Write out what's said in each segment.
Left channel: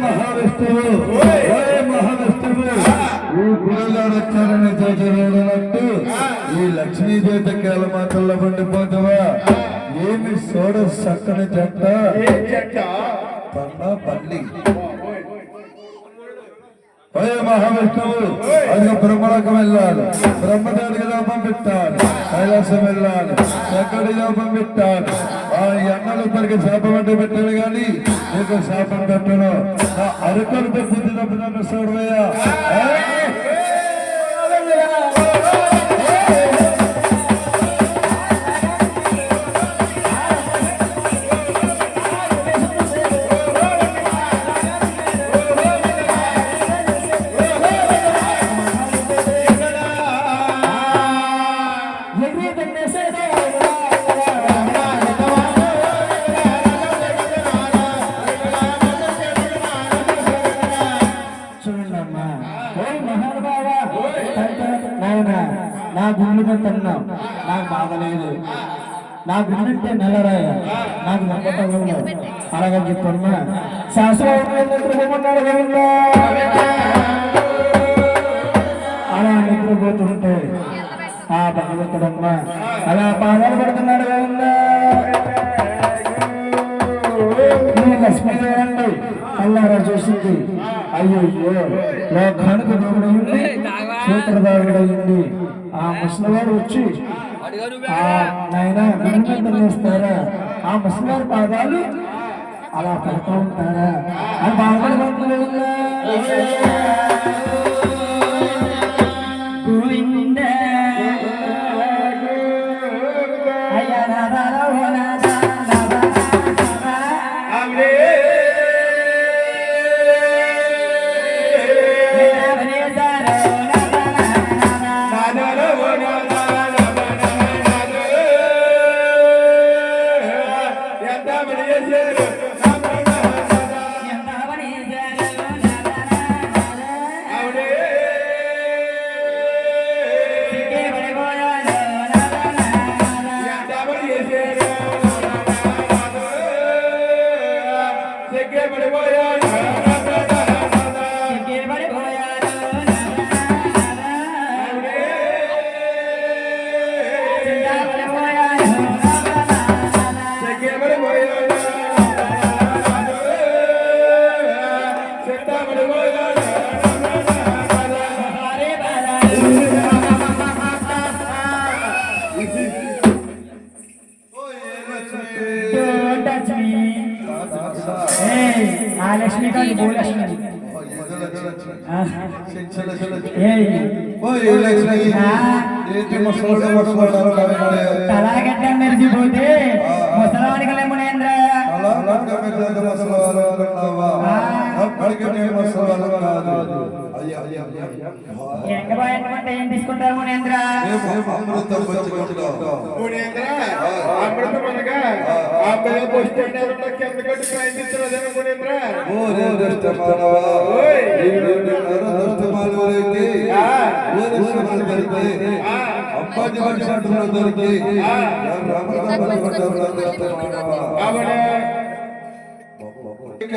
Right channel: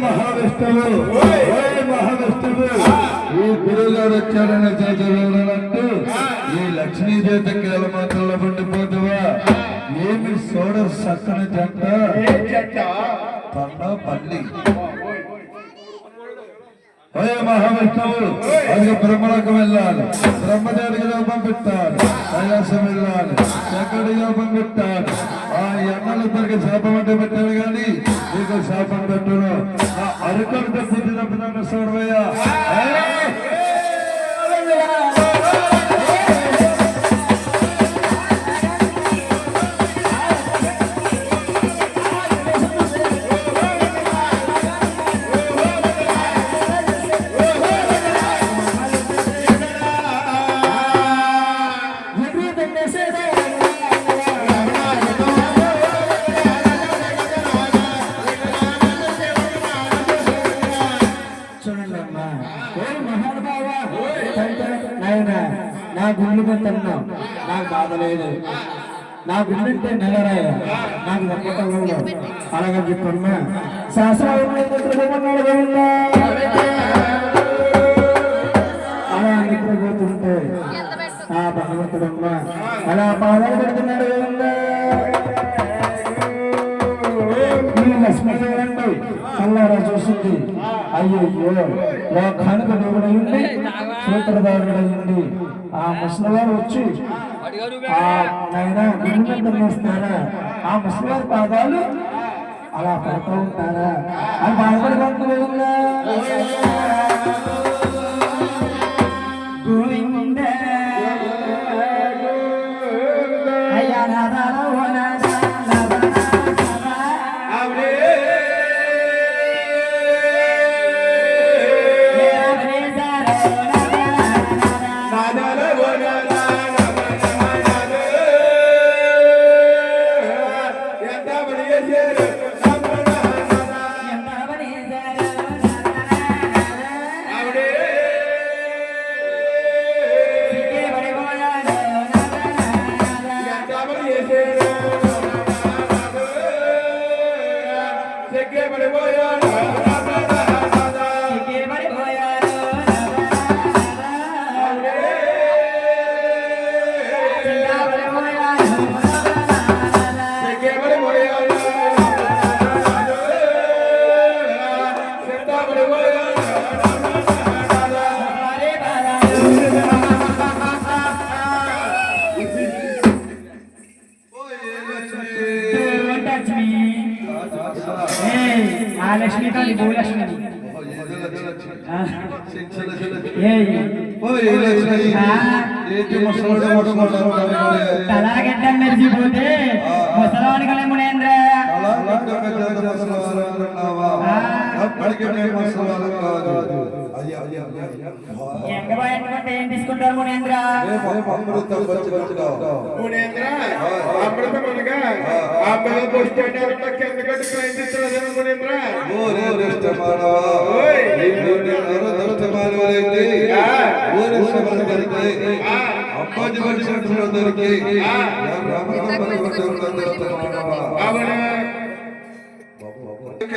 మహావిష్ణువు ఈ గురుగారు వచ్చారన్న చేతనట్టు ఈ లక్ష్మీదేవి కేలమాతల్లో పండిపోతావా ఏమి సోడ సక్కని జంట తన్న పల్లి మహావిష్ణువు అది బ్రహ్మలకు వెళ్ళాలి బ్రహ్మదేవుడికి లోపం పెట్టాలి కైలాసం వెళ్ళాలి ఎక్కడి లోపం పెట్టాలి ఆ ఎన్నలిద్దరికి శాపం అంటే పెట్టాడు కానీ నీకు శాపం పెట్టను అరకులు బుద్ధి తప్పుదన్న సూర్వయ్య నా గుండె తన్నా నాకు బాధ లేదు నా గుండెంటే నెలరాయ నాకు నమ్మకంలో అలాగని చెప్పమ్మా శాస్త్రం అలా నిద్రపోతుంటే ఆ భగవంతుడమ్మా అలా బాధలు పడుతున్నాడు లక్ష్మీదేవండి అల్లారా చూసింది అయ్యో లోకానికి దేవుడైంది సూత్రధారుడైంది ఆ ముసలివారు వచ్చి ఆ నాయన గుండెస్తారా ఆ ముసలివారి పాదాలు అలా పడుతూ ఉంటారా అని బాధపడకుండా लक्ष्मी का लक्ष्मी తలాగడ్డ మెరిసిపోతే ముసలాడికలే మునేంద్ర ఎంగబాయంటే ఏం తీసుకుంటారు మునేంద్ర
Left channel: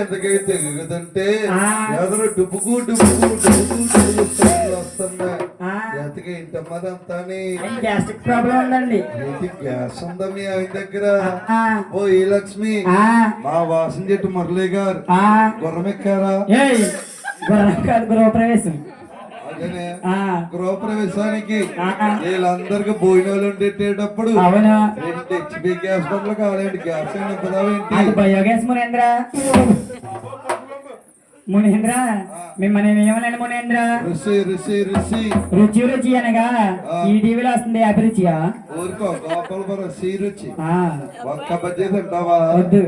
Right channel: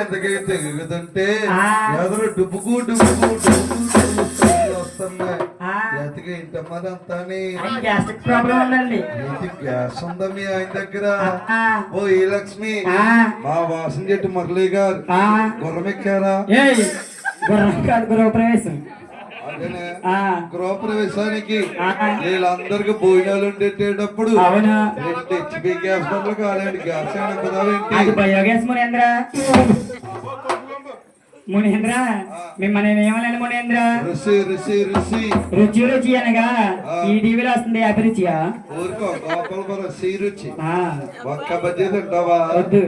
ఎంతకైతే ఎగుదంటే ఎదురు డుబ్బుకు డుబ్బుకు వస్తున్నాయి ఎంతకి ఇంతమంది గ్యాస్ట్రిక్ ప్రాబ్లం ఉందండి గ్యాస్ ఉందా మీ ఆయన దగ్గర ఓ ఈ లక్ష్మి మా వాసన చెట్టు మురళి గారు గుర్రమెక్కారా గృహప్రవేశం అదేనే గృహప్రవేశానికి వీళ్ళందరికి భోజనాలు ఉండేటప్పుడు హెచ్పి గ్యాస్ బండ్లు కాలేండి గ్యాస్ అది బయోగ్యాస్ మునేంద్ర మునేంద్ర మిమ్మల్ని ఏమన్నాను మునేంద్ర రుచి రుచి రుచి రుచి రుచి అనగా ఈ టీవీలో వస్తుంది అభిరుచియా ఊరుకో గోపాలపురం రుచి రుచి ఒక్క బజ్జీ తింటావా వద్దు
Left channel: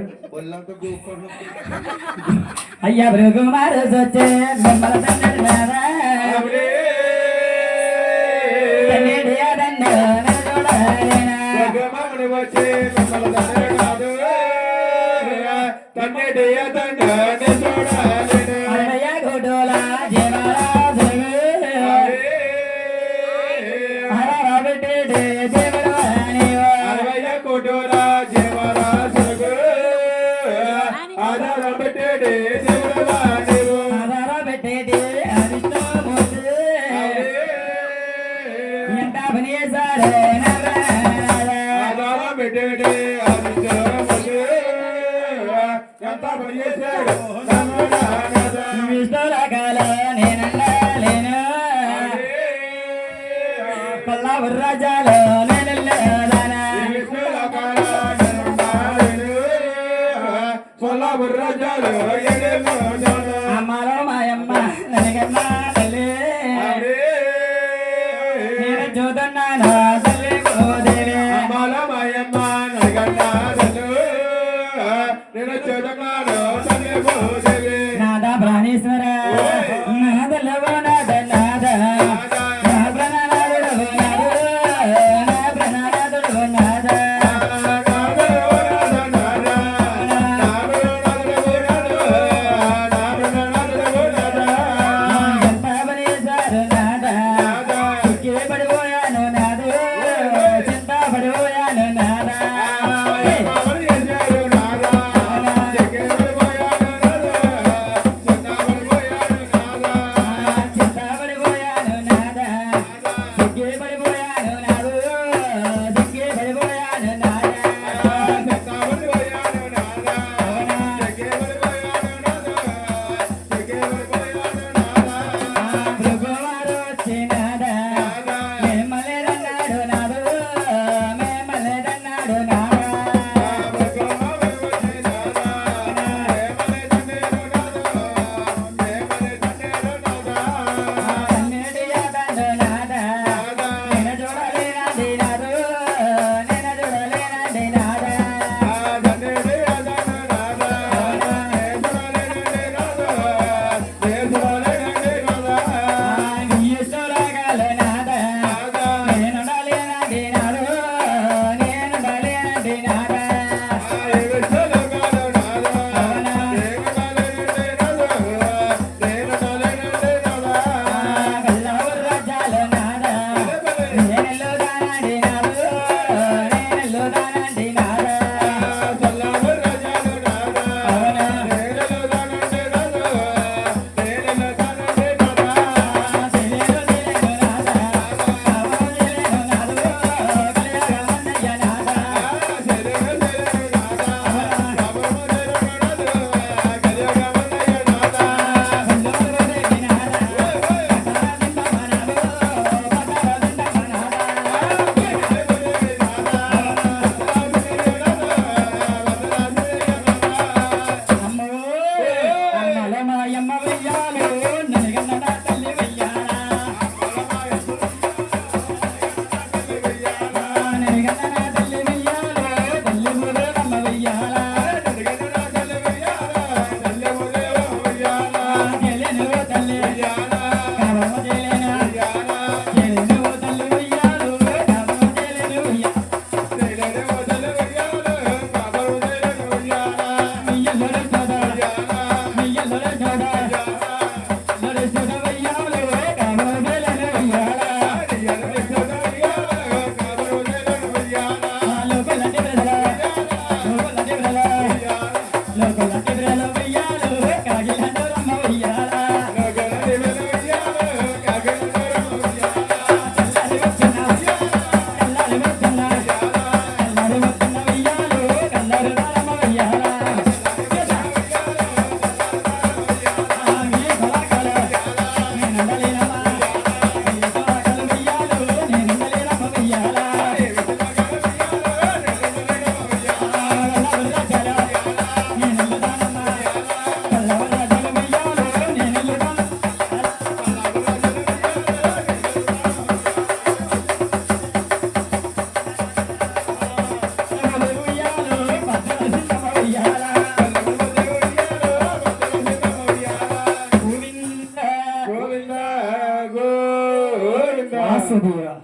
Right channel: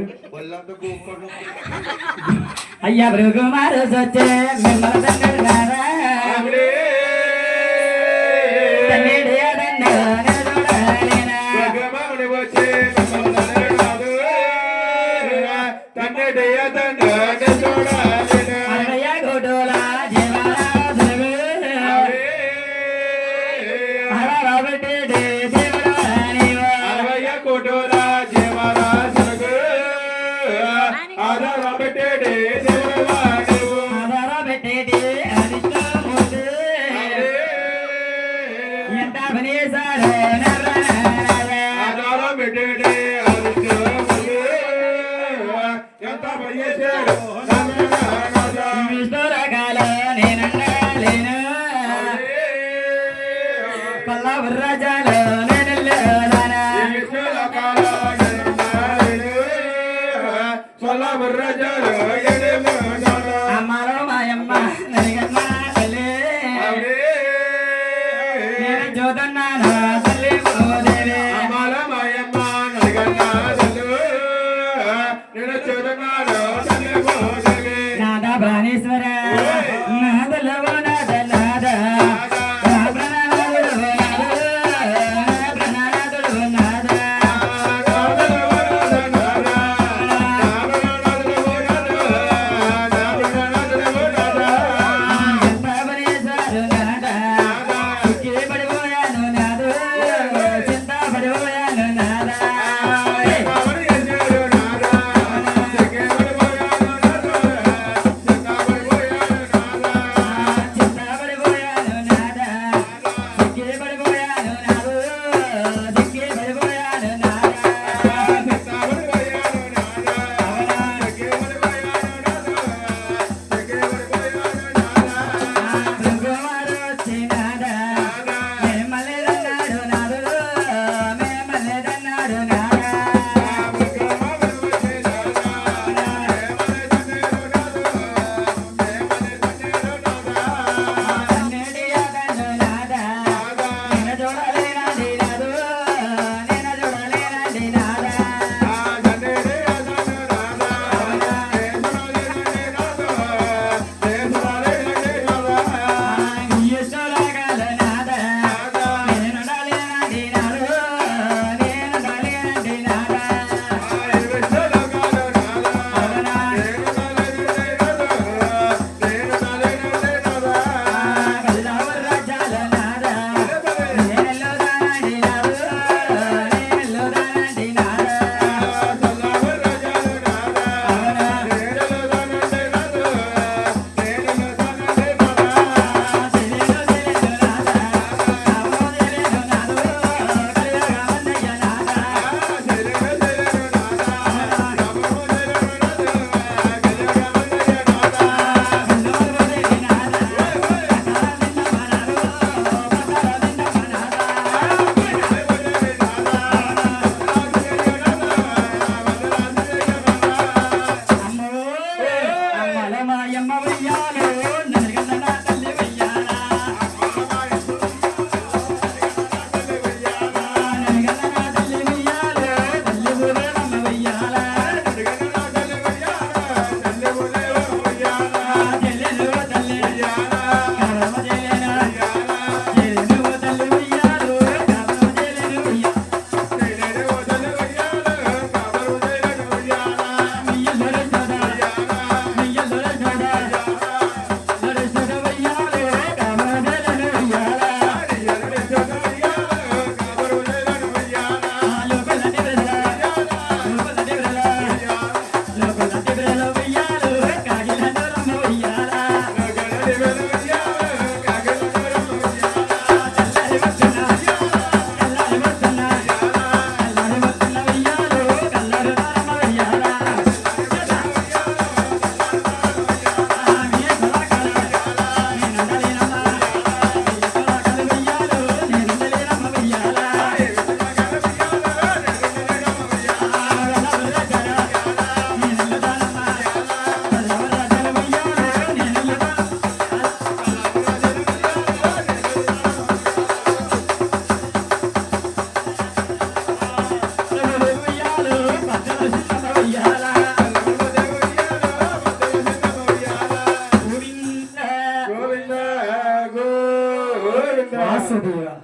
అయ్యా భృగుమారు వచ్చే నాదా ప్రాణేశ్వర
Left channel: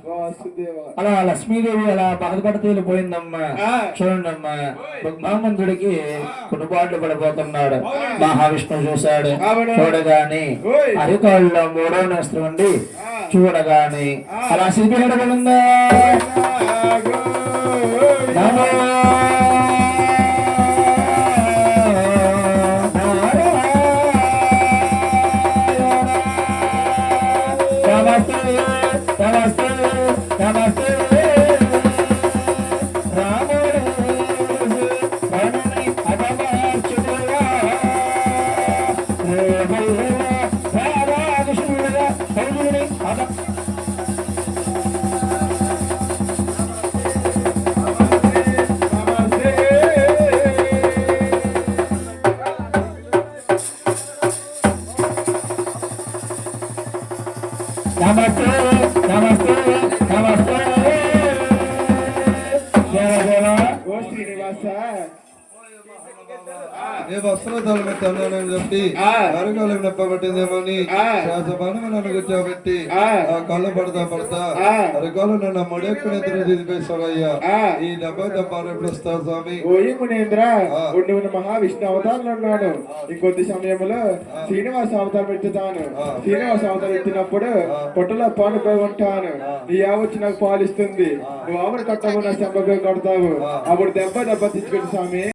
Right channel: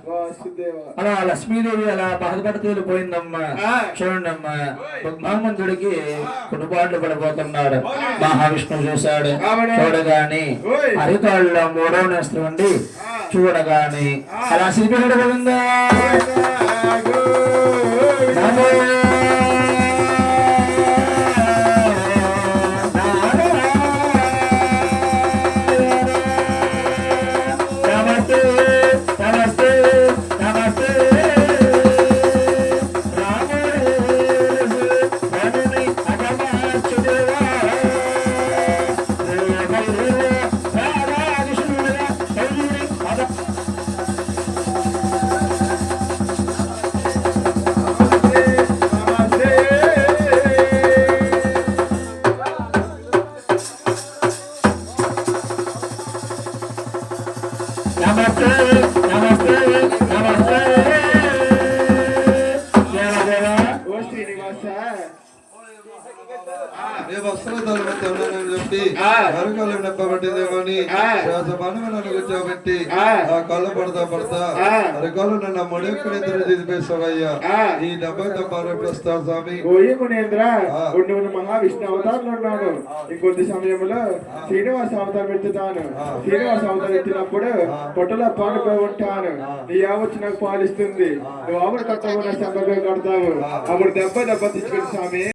వాసుదేవ. అలా లక్ష్మీదేవి అలా బాధపడుతూ వెళ్ళిపోయిందమ్మా. చూడండి అమ్మా, భగవంతుడికి కుటుంబాట్లు పడిపోతున్నాడు. మహావిష్ణువు చూశాడు. చూడగాని అరికాళ్ళలో మూడో నేస్త్రం ఉండి చూడగాని అలా సిరిపిల్లడు పోయిందా. నమస్తే నమస్తే నమస్తే నమస్తే నమస్తే నమస్తే ఏ వస్త్రధారణ తెల్లానని చెప్పి అరకాలు నెప్పబట్టిందేమని శ్వాసపాను నన్ను కూర్చోబెట్టి ఆ కాళ్ళు పడతా అరకాలు నన్ను మొడెక్కడ ఎదురు తీసిపేస్తావయ్యా. ఈ డబ్బా ప్రస్తుతం స్వామి ఓయి మునేంద్ర ఉండి మహావిష్ణు అవతారంలో ఉన్నాను. ఇంకొద్ది సమయంలో శ్రీనివాస అవతారం ఎత్తుతాను. శ్రీనివాస అవతారం ఎత్తినప్పుడు పొట్టలో పాడుపోయి ఉంటాను. నీ ఆవచ్చి నాకు పాలిస్తుంది. నువ్వు ఆవిడ కట్టకుండా సంభవం కడతావు. అప్పుడు దెబ్బ తెచ్చుకుని స్వామి.